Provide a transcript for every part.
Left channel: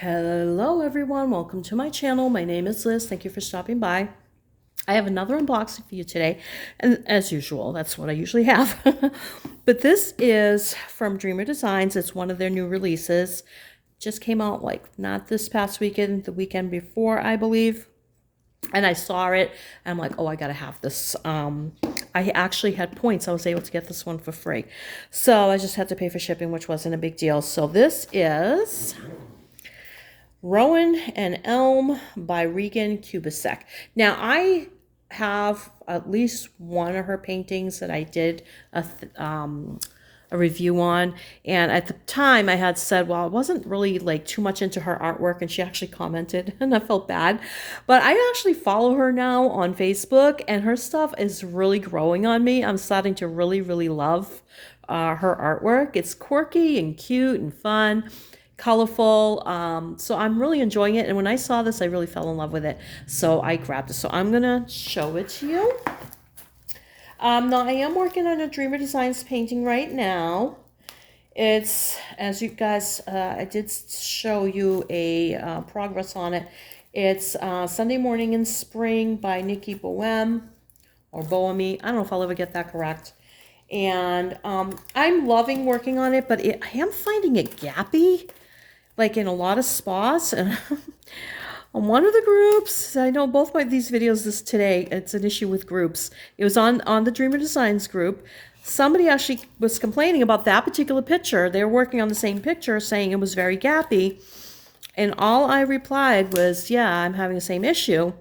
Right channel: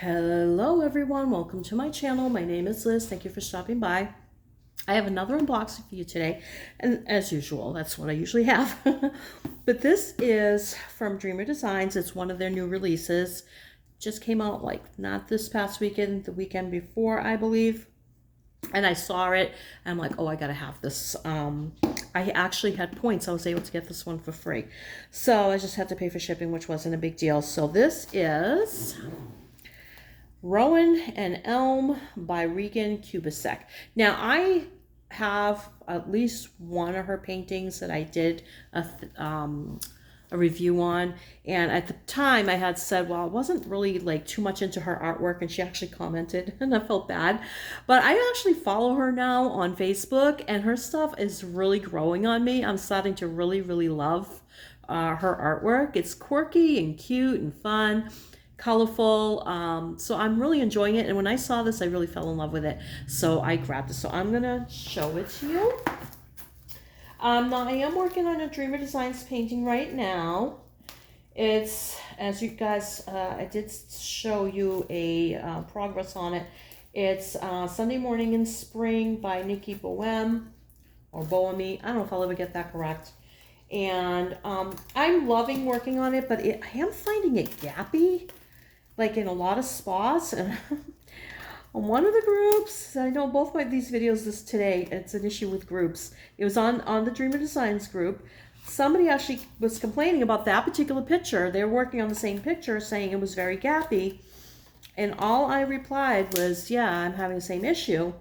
Hello everyone, welcome to my channel. My name is Liz. Thank you for stopping by. I have another unboxing for you today, and as usual, that's what I usually have. But this is from Dreamer Designs. It's one of their new releases. Just came out like not this past weekend, the weekend before, I believe. And I saw it, and I'm like, oh, I gotta have this. I actually had points. I was able to get this one for free. So I just had to pay for shipping, which wasn't a big deal. So this is Rowen and Elm by Regan Kubecek. Now, I have at least one of her paintings that I did a review on, and at the time I had said, well, I wasn't really like too much into her artwork, and she actually commented, and I felt bad. But I actually follow her now on Facebook, and her stuff is really growing on me. I'm starting to really love her artwork. It's quirky and cute and fun, colorful, so I'm really enjoying it. And when I saw this, I really fell in love with it, so I grabbed it. So I'm gonna show it to you. Now I am working on a Dreamer Designs painting right now. It's, as you guys, I did show you a progress on it. It's Sunday Morning in Spring by Nikki Bohem, or Bohemy. I don't know if I'll ever get that correct. And I'm loving working on it, but I am finding it gappy, like in a lot of spots. And on one of the groups, I know both these videos today, it's an issue with groups. It was on the Dreamer Designs group. Somebody actually was complaining about that particular picture. They were working on the same picture, saying it was very gappy. And all I replied was, yeah, I'm having the same issue.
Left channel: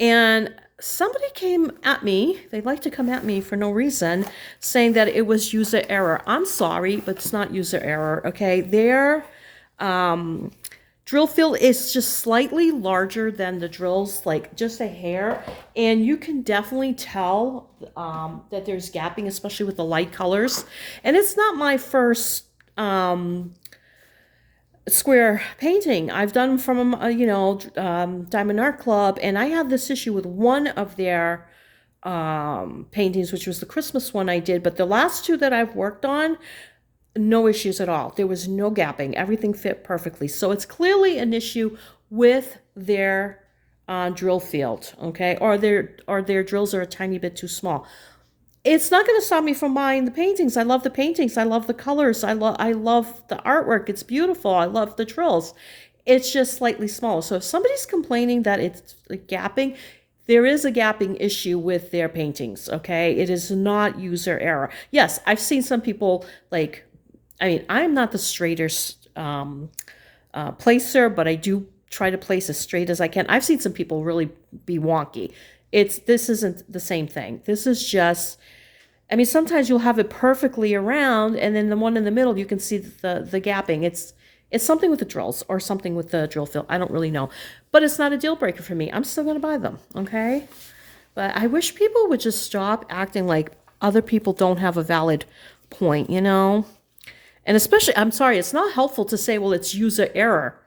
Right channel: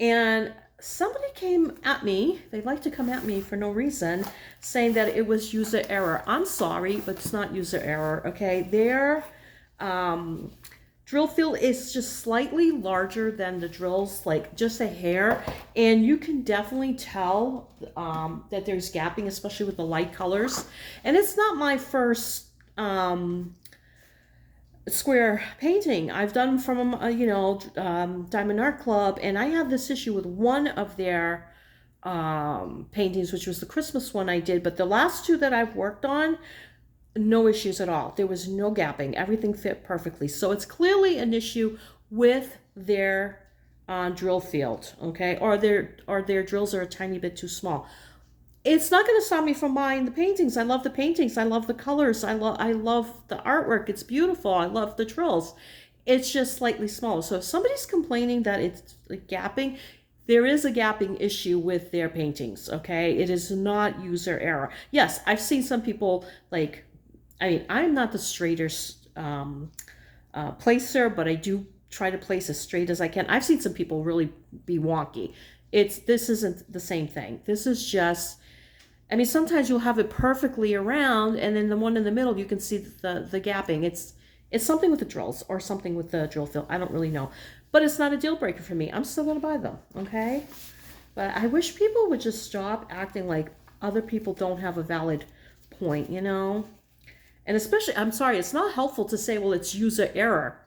And somebody came at me, they like to come at me for no reason, saying that it was user error. I'm sorry, but it's not user error, okay? Their drill field is just slightly larger than the drills, like just a hair, and you can definitely tell that there's gapping, especially with the light colors. And it's not my first square painting. I've done from Diamond Art Club, and I had this issue with one of their paintings, which was the Christmas one I did. But the last two that I've worked on, no issues at all. There was no gapping. Everything fit perfectly. So it's clearly an issue with their drill field, okay, or their drills are a tiny bit too small. It's not going to stop me from buying the paintings. I love the paintings. I love the colors. I love the artwork. It's beautiful. I love the drills. It's just slightly smaller. So if somebody's complaining that it's gapping, there is a gapping issue with their paintings, okay? It is not user error. Yes, I've seen some people like, I mean, I'm not the straightest placer, but I do try to place as straight as I can. I've seen some people really be wonky. This isn't the same thing. This is just, I mean, sometimes you'll have it perfectly around, and then the one in the middle, you can see the gapping. It's something with the drills or something with the drill field. I don't really know. But it's not a deal breaker for me. I'm still going to buy them, okay? But I wish people would just stop acting like other people don't have a valid point, you know? And especially, I'm sorry, it's not helpful to say, well, it's user error,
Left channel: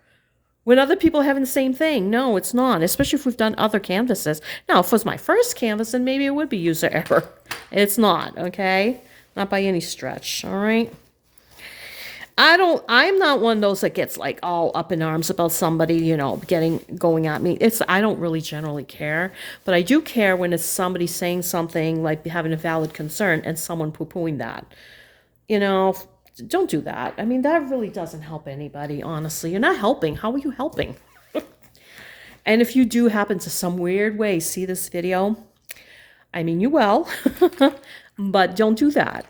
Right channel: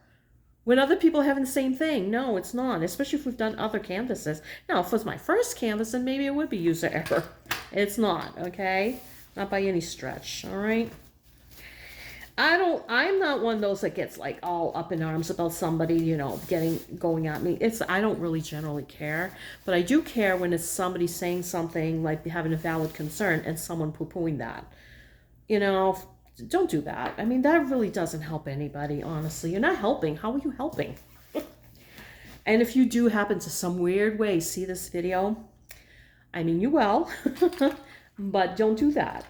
when other people are having the same thing. No, it's not, especially if we've done other canvases. Now, if it was my first canvas, then maybe it would be user error. It's not, okay? Not by any stretch, all right? I'm not one of those that gets like all up in arms about somebody, going at me. I don't really generally care, but I do care when it's somebody saying something, like having a valid concern, and someone poo-pooing that. Don't do that. I mean, that really doesn't help anybody, honestly. You're not helping. How are you helping? And if you do happen to some weird way see this video, I mean, you will, but don't do that,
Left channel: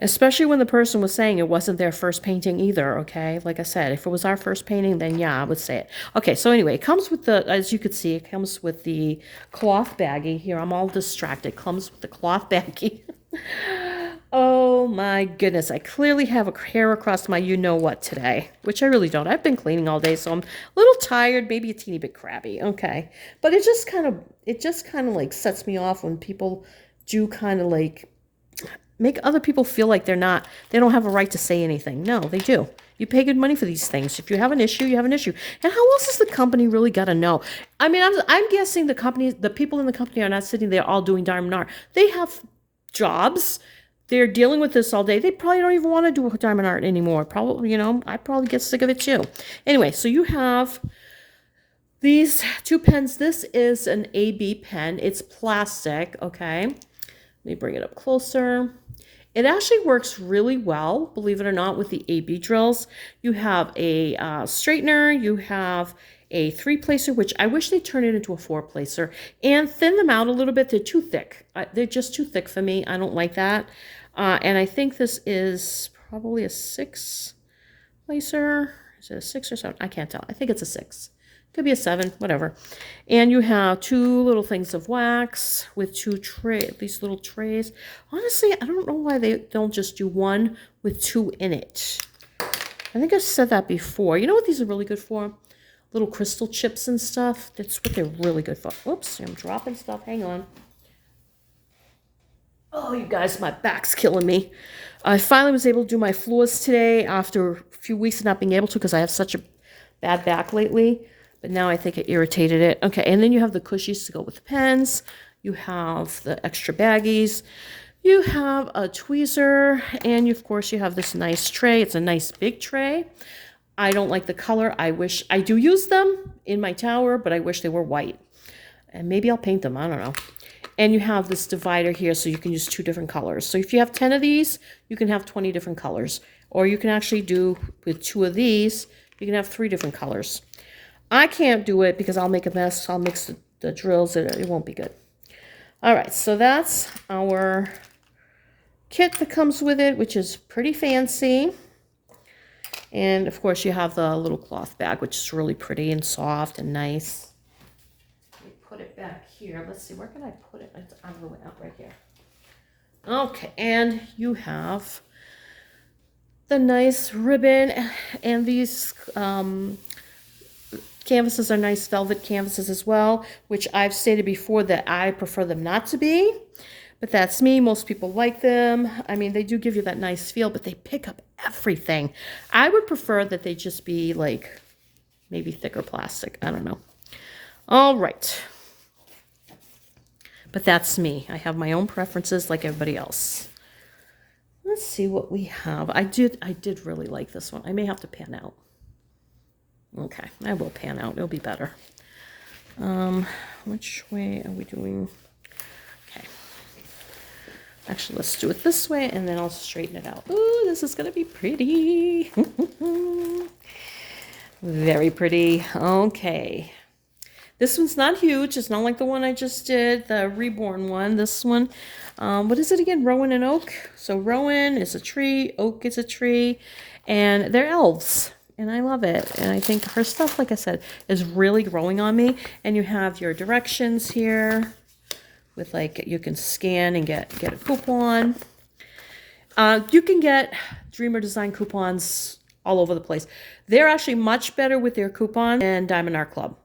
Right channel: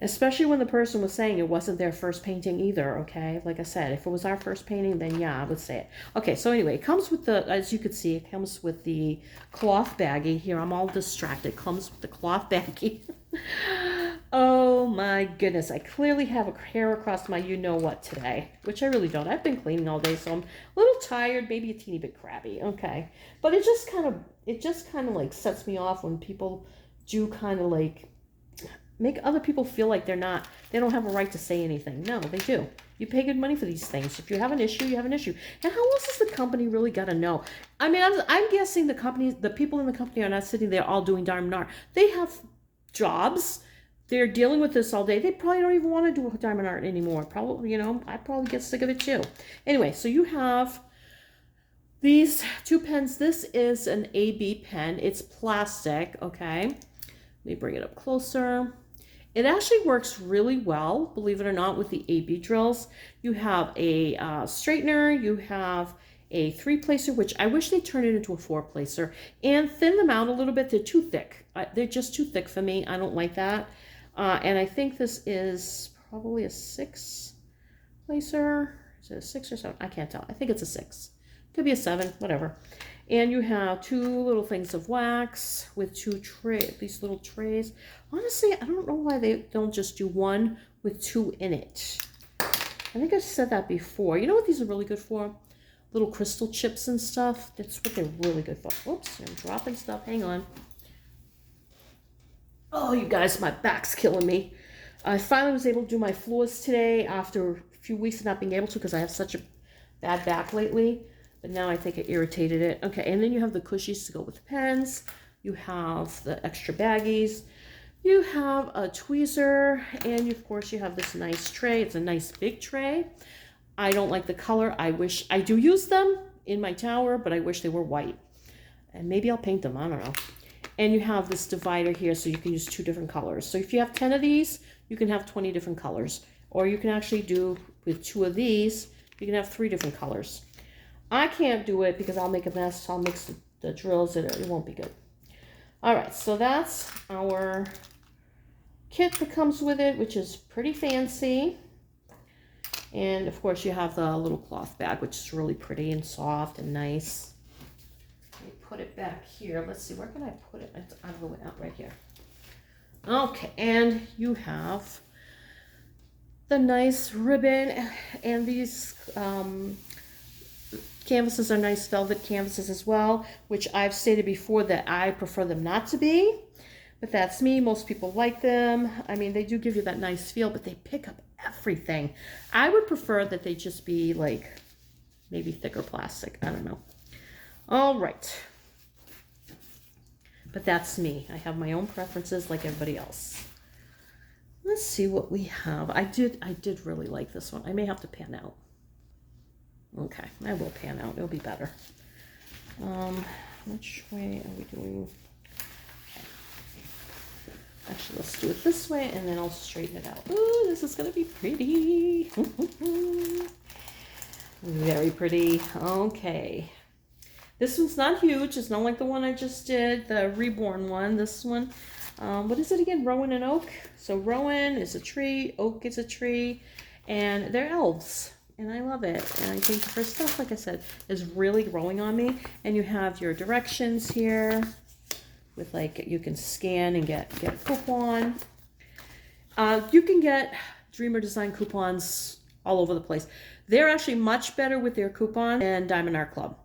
Especially when the person was saying it wasn't their first painting either, okay? Like I said, if it was our first painting, then yeah, I would say it. Okay, so anyway, it comes with as you can see, it comes with the cloth baggie. Here, I'm all distracted. It comes with the cloth baggie. Oh my goodness, I clearly have a hair across my you-know-what today, which I really don't. I've been cleaning all day, so I'm a little tired, maybe a teeny bit crabby, okay? But it just kind of like sets me off when people do kind of like make other people feel like they don't have a right to say anything. No, they do. You pay good money for these things. If you have an issue, you have an issue. And how else has the company really got to know? I mean, I'm guessing the people in the company are not sitting there all doing diamond art. They have jobs. they're dealing with this all day, they probably don't even want to do diamond art anymore. Probably, you know, I probably get sick of it too. Anyway, so you have these two pens. This is an AB pen. It's plastic, okay? Let me bring it up closer. It actually works really well, believe it or not, with the AB drills. You have a straightener, you have a 3-placer, which I wish they'd turn it into a 4-placer, and thin them out a little bit. They're too thick. They're just too thick for me. I don't like that. And I think this is probably a 6-placer. Is it a 6 or 7? I can't tell. I think it's a 6. Could be a 7, whatever. And you have 2 little things of wax with 2 these little trays. Honestly, I don't know why they don't just do one with 2 in it. I think I've said that before. You know what these are really good for? Little crystal chips and stuff. That's what they're really good for. Whoops, I'm dropping stuff. Hang on. Oh, you guys, my back's killing me. I finally was able to do my floors today after a few weeks of not being able to because I have such a bad back lately. But now I think it irritated it. Okay, and then you have the cushies to go with the pens. You have the extra baggies. You have a tweezer. And of course, you have this nice tray. It's a nice big tray. I don't like the color. I do use them in my tower, but I wish they were white. And maybe I'll paint them. I don't know. And you have this divider here so you can use 2 different colors. So if you have 10 of these, you can have 20 different colors. Or you can actually do, with 2 of these, you can have 3 different colors. I can't do it because I'll make a mess. I'll mix the drills. It won't be good. All right, so that's our kit that comes with it, which is pretty fancy. And of course you have the little cloth bag, which is really pretty and soft and nice. Let me put it back here. Let's see, where can I put it? It's out of the way, out right here. Okay, and you have the nice ribbon, and these canvases are nice velvet canvases as well, which I've stated before that I prefer them not to be, but that's me. Most people like them. I mean, they do give you that nice feel, but they pick up everything. I would prefer that they just be like maybe thicker plastic. I don't know. All right. But that's me. I have my own preferences like everybody else. Let's see what we have. I did really like this one. I may have to pan out. Okay, I will pan out. It'll be better. Which way are we doing? Okay. Actually, let's do it this way, and then I'll straighten it out. Ooh, this is going to be pretty. Very pretty. Okay. This one's not huge. It's not like the one I just did, the Reborn one. This one, what is it again? Rowen and Oak. So Rowen is a tree, Oak is a tree, and they're elves. And I love it. And I think her stuff, like I said, is really growing on me. And you have your directions here with like, you can scan and get a coupon. You can get Dreamer Design coupons all over the place. They're actually much better with their coupon than Diamond Art Club.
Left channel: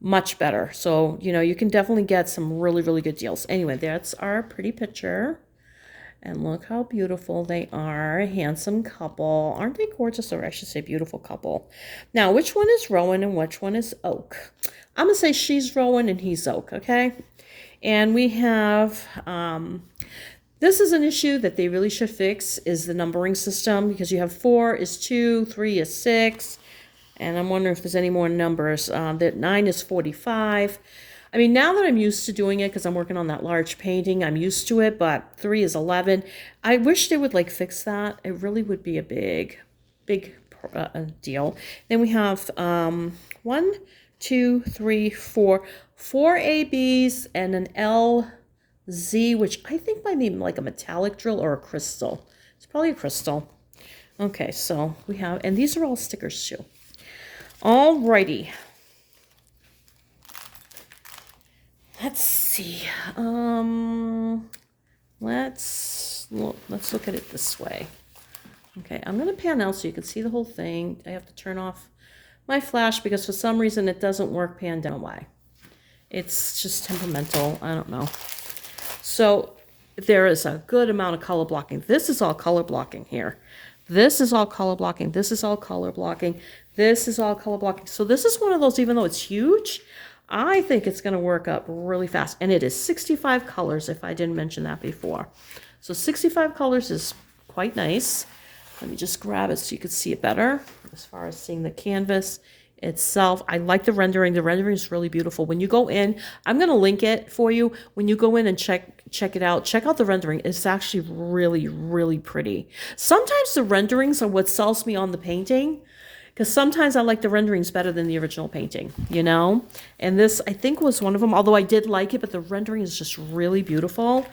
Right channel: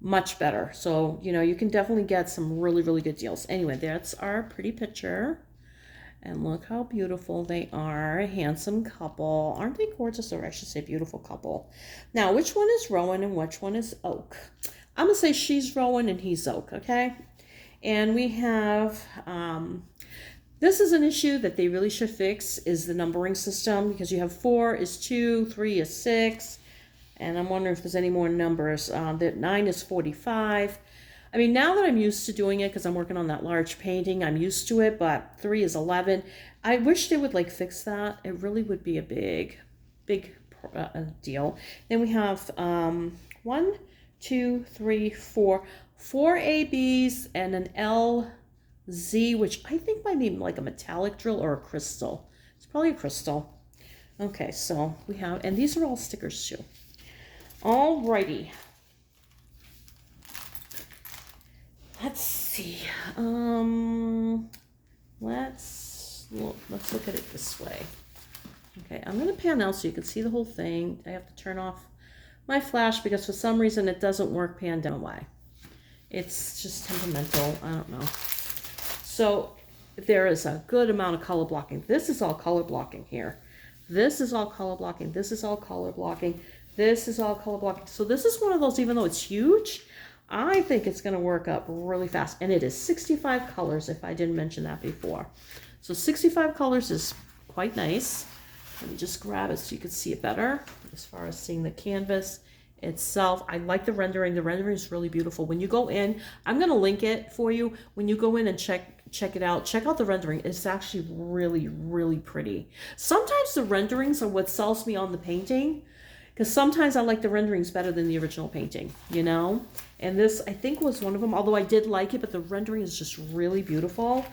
Much better. So, you know, you can definitely get some really, really good deals. Anyway, that's our pretty picture. And look how beautiful they are. A handsome couple. Aren't they gorgeous? Or I should say beautiful couple. Now, which one is Rowen and which one is Oak? I'm going to say she's Rowen and he's Oak, okay? And we have, this is an issue that they really should fix, is the numbering system. Because you have 4 is 2, 3 is 6. And I'm wondering if there's any more numbers. That 9 is 45. I mean, now that I'm used to doing it, because I'm working on that large painting, I'm used to it, but 3 is 11. I wish they would, like, fix that. It really would be a big deal. Then we have 1, 2, 3, 4. 4 ABs and an LZ, which I think might be like a metallic drill or a crystal. It's probably a crystal. Okay, so we have, and these are all stickers too. Alrighty. Let's see. Let's look at it this way. Okay, I'm going to pan out so you can see the whole thing. I have to turn off my flash because for some reason it doesn't work pan down. Why? It's just temperamental. I don't know. So there is a good amount of color blocking. This is all color blocking here. This is all color blocking. This is all color blocking. This is all color blocking. So this is one of those, even though it's huge, I think it's going to work up really fast. And it is 65 colors, if I didn't mention that before. So 65 colors is quite nice. Let me just grab it so you can see it better. As far as seeing the canvas itself, I like the rendering. The rendering is really beautiful. When you go in, I'm going to link it for you. When you go in and check it out, check out the rendering. It's actually really, really pretty. Sometimes the renderings are what sells me on the painting, because sometimes I like the renderings better than the original painting, you know? And this, I think, was one of them, although I did like it, but the rendering is just really beautiful.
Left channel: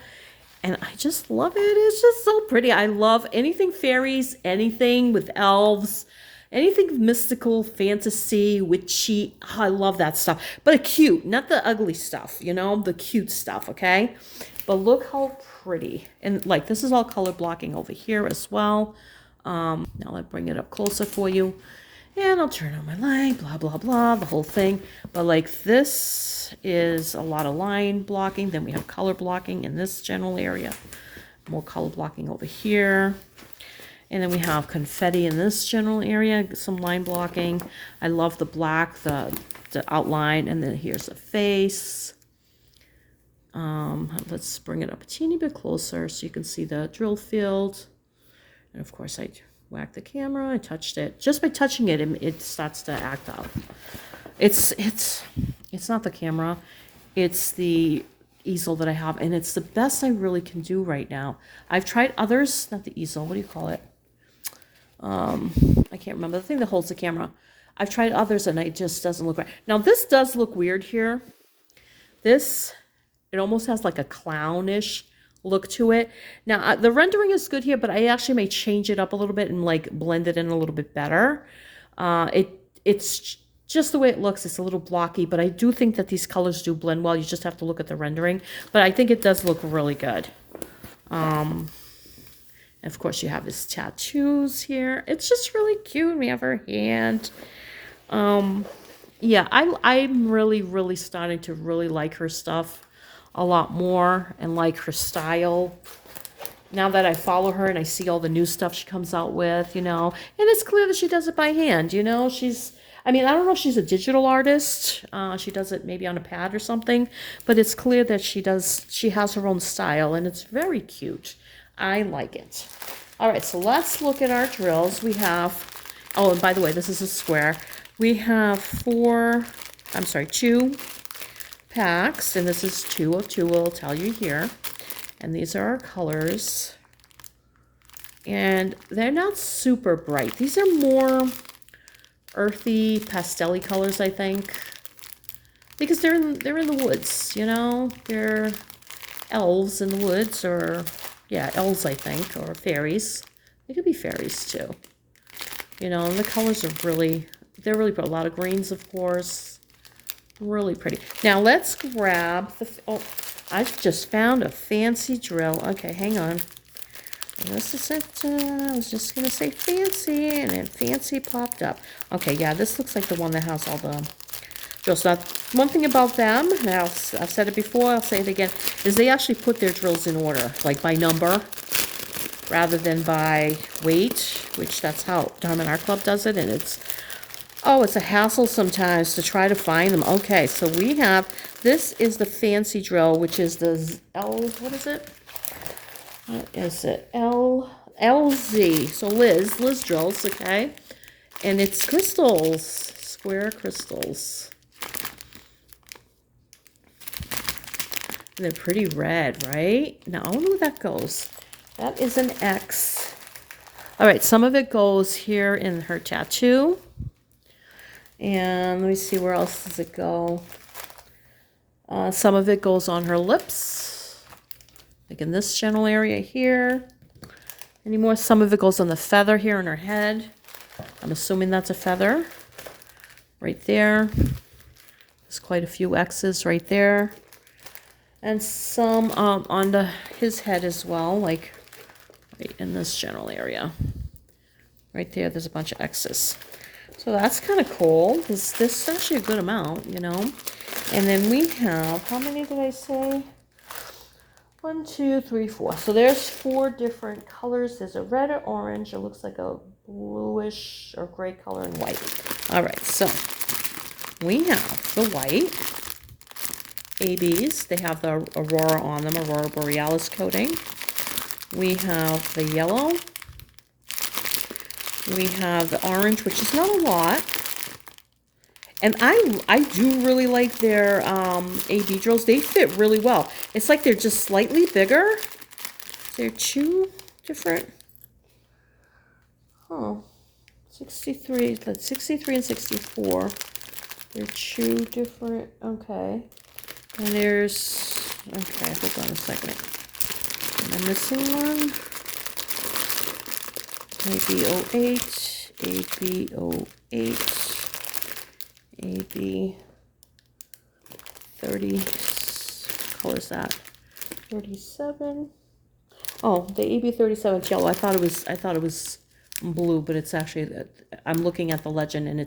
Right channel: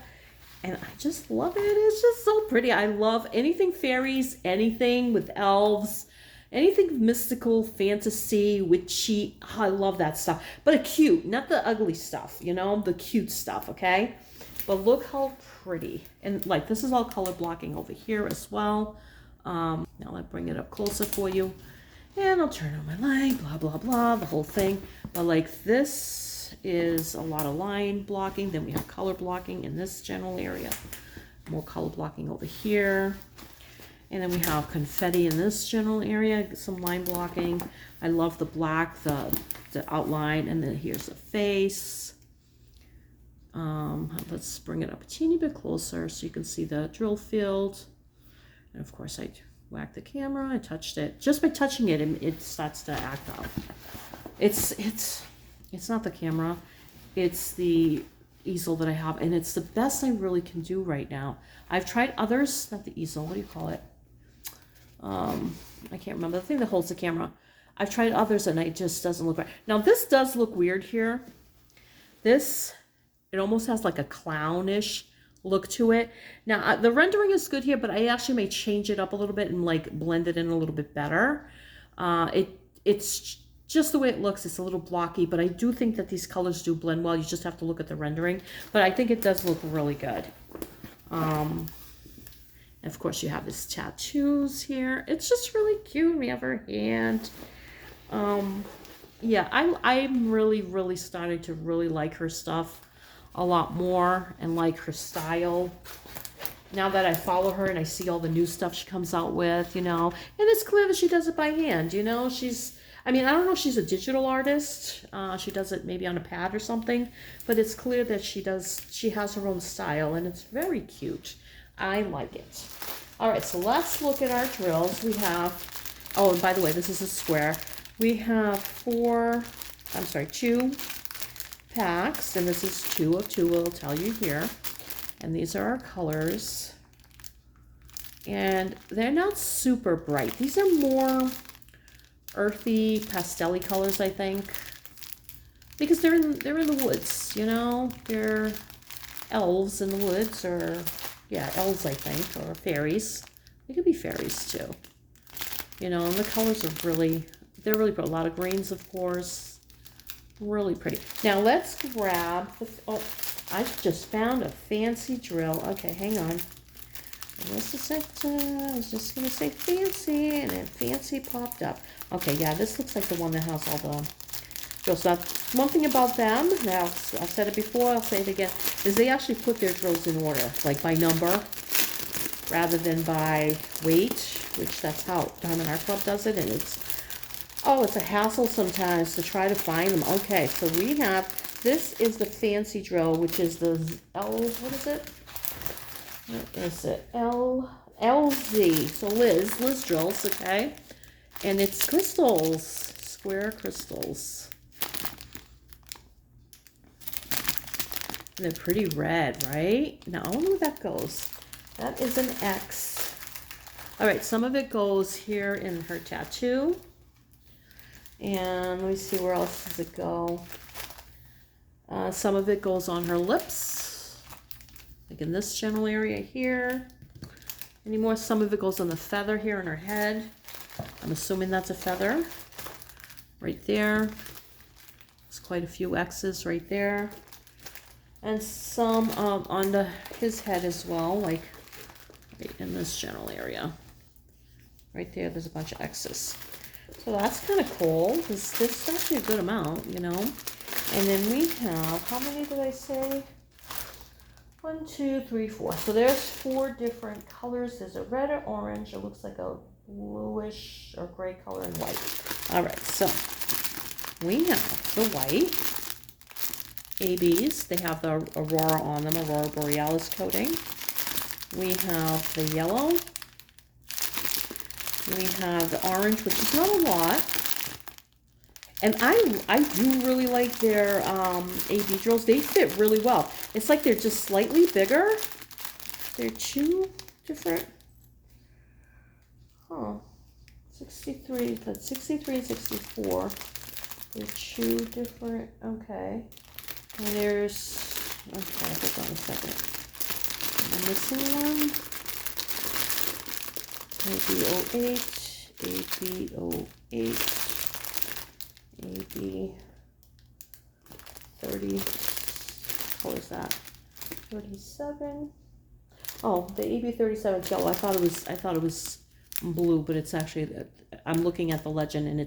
And I just love it. It's just so pretty. I love anything fairies, anything with elves, anything mystical, fantasy, witchy. Oh, I love that stuff. But cute, not the ugly stuff, you know, the cute stuff, okay? But look how pretty. And like, this is all color blocking over here as well. Now I'll bring it up closer for you. And I'll turn on my light, blah, blah, blah, the whole thing. But like, this is a lot of line blocking. Then we have color blocking in this general area. More color blocking over here. And then we have confetti in this general area, some line blocking. I love the black, the outline, and then here's the face. Let's bring it up a teeny bit closer so you can see the drill field. And of course I whacked the camera, I touched it. Just by touching it, it starts to act out. It's not the camera, it's the easel that I have, and it's the best I really can do right now. I've tried others, not the easel, what do you call it? I can't remember, the thing that holds the camera. I've tried others and it just doesn't look right. Now this does look weird here. This, it almost has like a clownish look to it. Now the rendering is good here, but I actually may change it up a little bit and like blend it in a little bit better. It's just the way it looks. It's a little blocky, but I do think that these colors do blend well. You just have to look at the rendering, but I think it does look really good. And of course you have his tattoos here. It's just really cute. We have her hand. Yeah, I'm really starting to really like her stuff a lot more and like her style now that I follow her and I see all the new stuff she comes out with, you know. And it's clear that she does it by hand, you know. I mean, I don't know if she's a digital artist. She does it maybe on a pad or something, but it's clear that she has her own style, and it's very cute. I like it. All right, so let's look at our drills. We have, oh, and by the way, this is a square. We have two packs, and this is 2 of 2, will tell you here. And these are our colors. And they're not super bright. These are more earthy, pastel-y colors, I think. Because they're in the woods, you know? They're elves in the woods, or, yeah, elves, I think, or fairies. They could be fairies, too. You know, and the colors are they're really pretty. A lot of greens, of course. Really pretty. Now let's grab oh, I've just found a fancy drill. Okay, hang on. This is it. I was just going to say fancy, and then fancy popped up. Okay, yeah, this looks like the one that has all the drills. Now, one thing about them, now I've said it before, I'll say it again, is they actually put their drills in order, like by number, rather than by weight, which that's how Diamond Art Club does it, and it's a hassle sometimes to try to find them. Okay, so we have, this is the fancy drill, which is the what is it? What is it? LZ. So Liz drills, okay? And it's crystals, square crystals. And they're pretty red, right? Now, I don't know where that goes. That is an X. All right, some of it goes here in her tattoo. And let me see, where else does it go? Some of it goes on her lips, like in this general area here. Anymore, some of it goes on the feather here in her head. I'm assuming that's a feather. Right there. There's quite a few X's right there. And some on his head as well, like right in this general area. Right there, there's a bunch of X's. So that's kind of cool. This is actually a good amount, you know. And then we have, how many did I say? 1, 2, 3, 4. So there's 4 different colors. There's a red or orange. It looks like a bluish or gray color and white. All right, so we have the white ABs. They have the Aurora on them, Aurora Borealis coating. We have the yellow. We have the orange, which is not a lot. And I do really like their AB drills. They fit really well. It's like they're just slightly bigger. They're two different. Oh, 63. That's 63 and 64. They're two different. Okay. And there's. Okay, hold on a second. Am I missing one? AB08, AB08, AB30, what color is that? 37. Oh, the AB37 is yellow. I thought it was blue, but it's actually, I'm looking at the legend and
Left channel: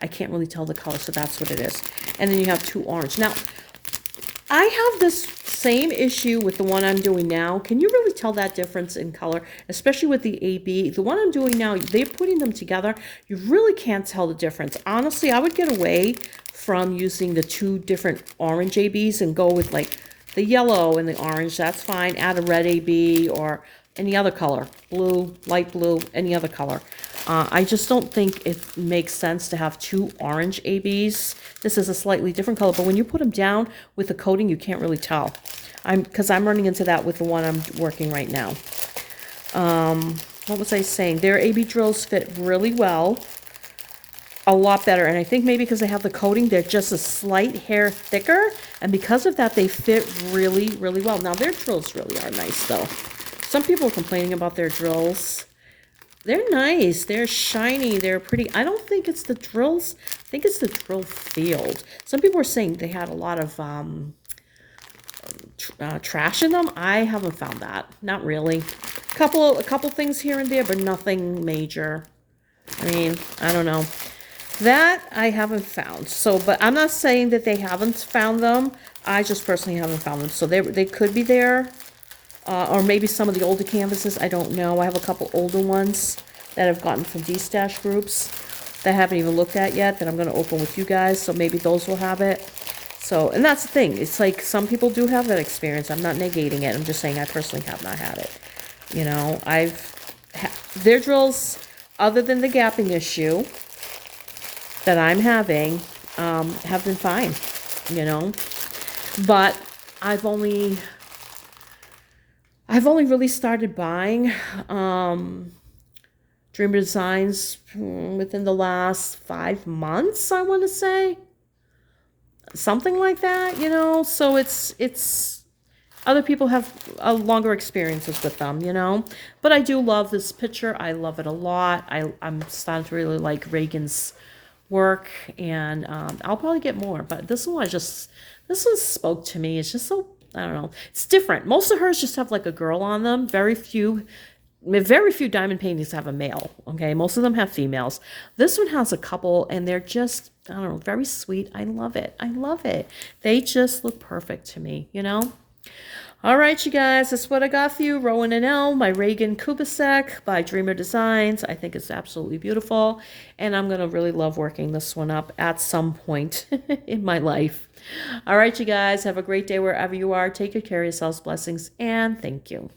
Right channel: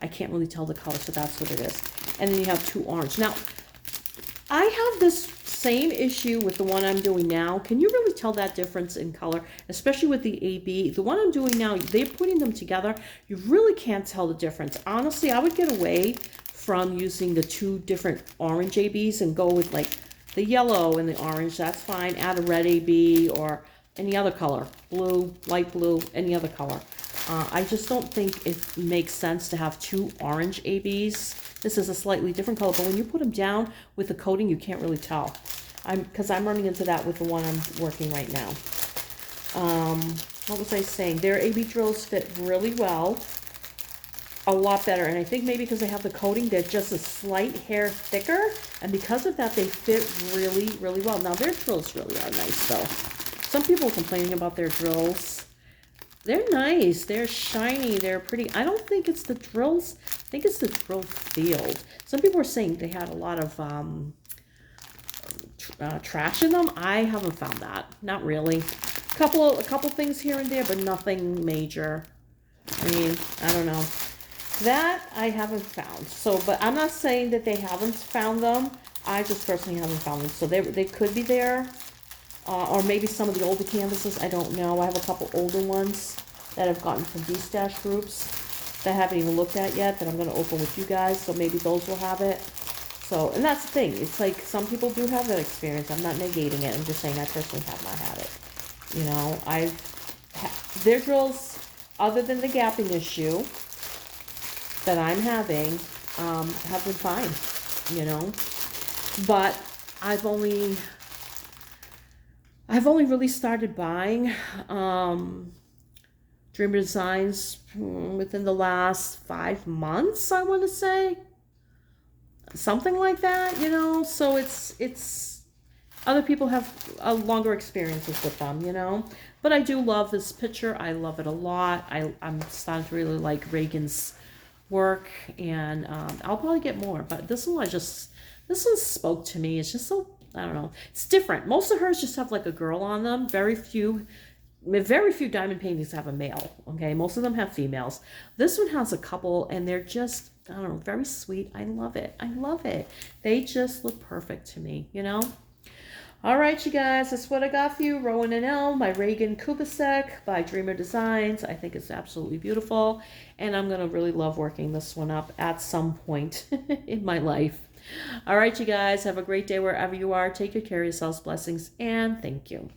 I can't really tell the color, so that's what it is. And then you have two orange. Now, I have this same issue with the one I'm doing now. Can you really tell that difference in color, especially with the AB? The one I'm doing now, they're putting them together. You really can't tell the difference. Honestly, I would get away from using the two different orange ABs and go with like the yellow and the orange. That's fine. Add a red AB or any other color, blue, light blue, any other color. I just don't think it makes sense to have two orange ABs. This is a slightly different color, but when you put them down with the coating, you can't really tell. Because I'm running into that with the one I'm working right now. What was I saying? Their AB drills fit really well. A lot better. And I think maybe because they have the coating, they're just a slight hair thicker. And because of that, they fit really, really well. Now, their drills really are nice, though. Some people are complaining about their drills. They're nice. They're shiny. They're pretty. I don't think it's the drills. I think it's the drill field. Some people were saying they had a lot of trash in them. I haven't found that. Not really. A couple things here and there, but nothing major. I mean, I don't know. That I haven't found. So, but I'm not saying that they haven't found them. I just personally haven't found them. So they could be there. Or maybe some of the older canvases, I don't know. I have a couple older ones that I've gotten from D-Stash groups that I haven't even looked at yet that I'm going to open with you guys, so maybe those will have it. So, and that's the thing. It's like some people do have that experience. I'm not negating it. I'm just saying I personally have not had it. You know, their drills, other than the gapping issue that I'm having, have been fine, you know. But I've only really started buying Dreamer Designs within the last 5 months, I want to say. Something like that, you know. So it's other people have longer experiences with them, you know. But I do love this picture. I love it a lot. I'm starting to really like Regan's work, and I'll probably get more. But this one spoke to me. It's just so, I don't know. It's different. Most of hers just have like a girl on them. Very few diamond paintings have a male. Okay, most of them have females. This one has a couple, and they're just, I don't know, very sweet. I love it. I love it. They just look perfect to me, you know. All right, you guys, that's what I got for you. Rowen and L, my Regan Kubecek by Dreamer Designs. I think it's absolutely beautiful, and I'm going to really love working this one up at some point in my life. All right, you guys, have a great day wherever you are. Take good care of yourselves. Blessings, and thank you.